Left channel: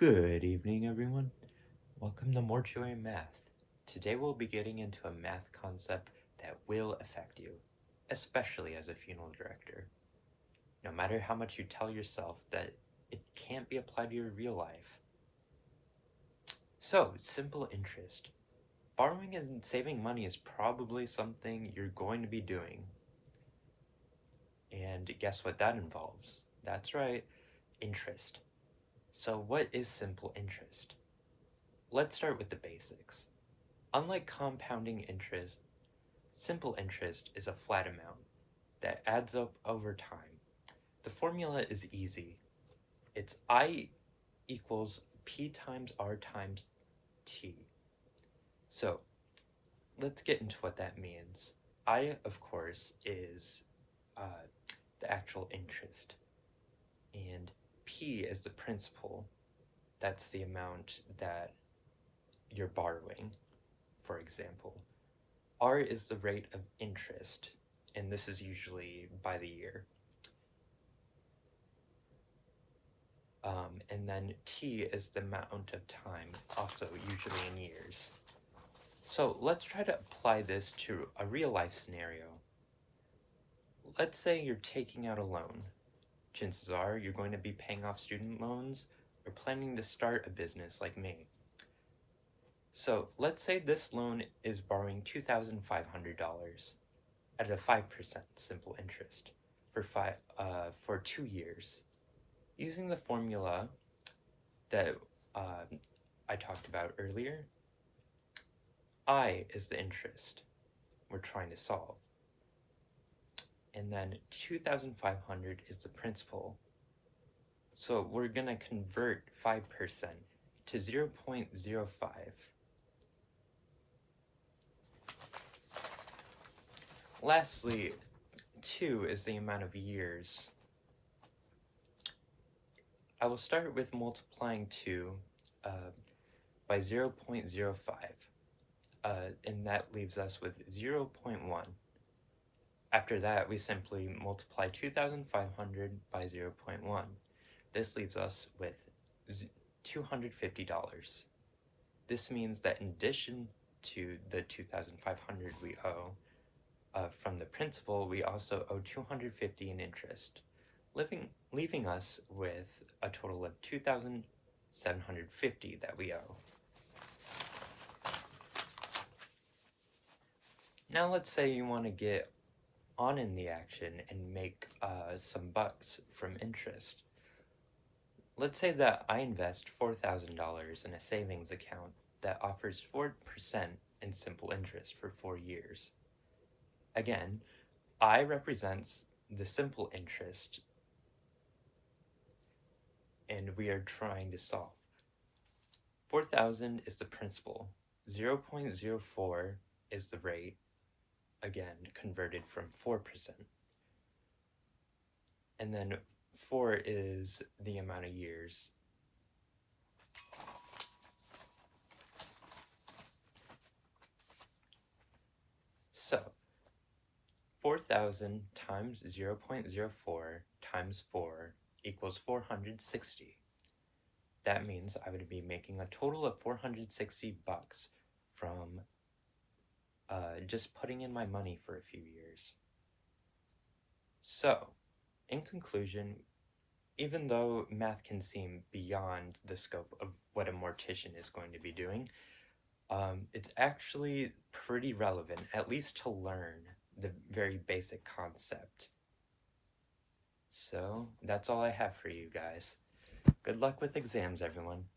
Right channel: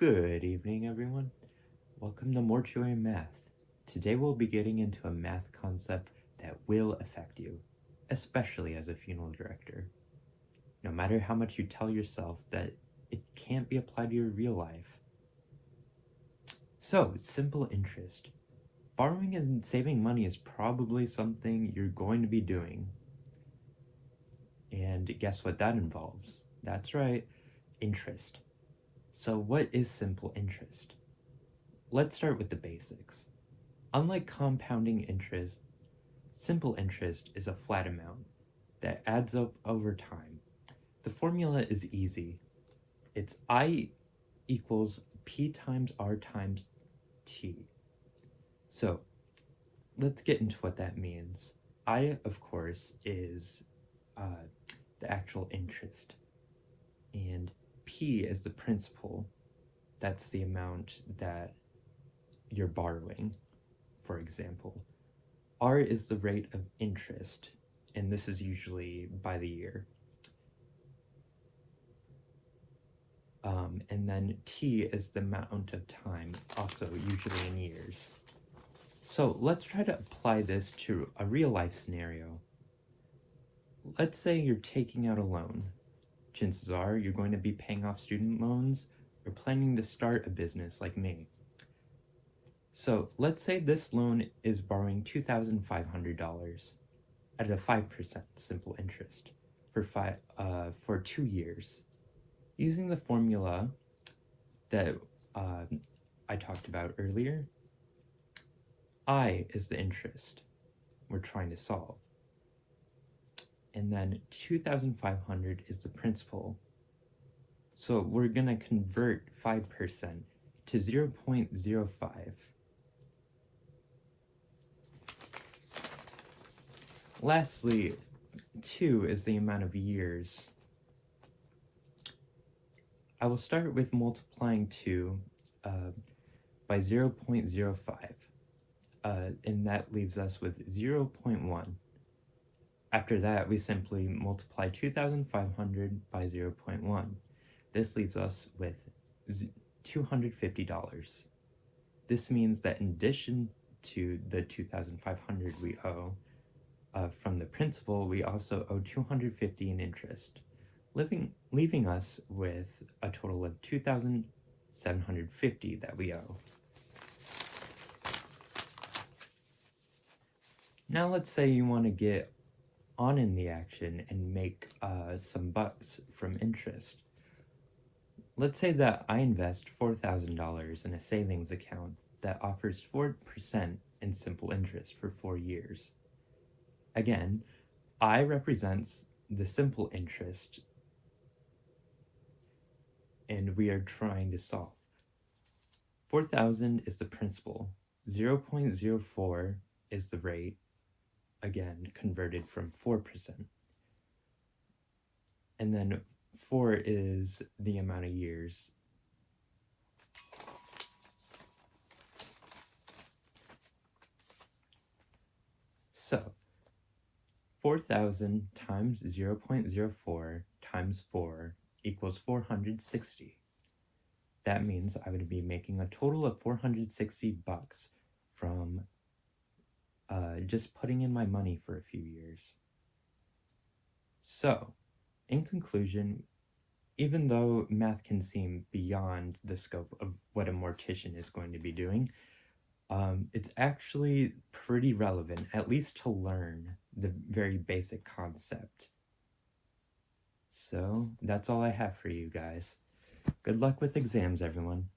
Good evening, everyone. Welcome to Mortuary Math. Today we'll be getting into a math concept that will affect you, especially as a funeral director. No matter how much you tell yourself that it can't be applied to your real life. So, simple interest. Borrowing and saving money is probably something you're going to be doing. And guess what that involves? That's right, interest. So, what is simple interest? Let's start with the basics. Unlike compounding interest, simple interest is a flat amount that adds up over time. The formula is easy. It's I equals P times R times T. So let's get into what that means. I, of course, is the actual interest, and P is the principal. That's the amount that you're borrowing, for example. R is the rate of interest, and this is usually by the year. And then T is the amount of time, also usually in years. So let's try to apply this to a real life scenario. Let's say you're taking out a loan. Chances are you're going to be paying off student loans or planning to start a business like me. So let's say this loan is borrowing $2,500 at a 5% simple interest for 2 years. Using the formula that I talked about earlier, I is the interest we're trying to solve. And then 2,500 is the principal. So we're going to convert 5% to 0.05. Lastly, 2 is the amount of years. I will start with multiplying 2 by 0.05, and that leaves us with 0.1. After that, we simply multiply 2,500 by 0.1. This leaves us with $250. This means that in addition to the 2,500 we owe from the principal, we also owe $250 in interest, leaving us with a total of $2,750 that we owe. Now let's say you want to get on in the action and make some bucks from interest. Let's say that I invest $4,000 in a savings account that offers 4% in simple interest for 4 years. Again, I represents the simple interest, and we are trying to solve. 4,000 is the principal, 0.04 is the rate, again converted from 4%. And then 4 is the amount of years. So 4,000 times 0.04 times 4 equals 460. That means I would be making a total of 460 bucks from just putting in my money for a few years. So, in conclusion, even though math can seem beyond the scope of what a mortician is going to be doing, it's actually pretty relevant, at least to learn the very basic concept. So, that's all I have for you guys. Good luck with exams, everyone.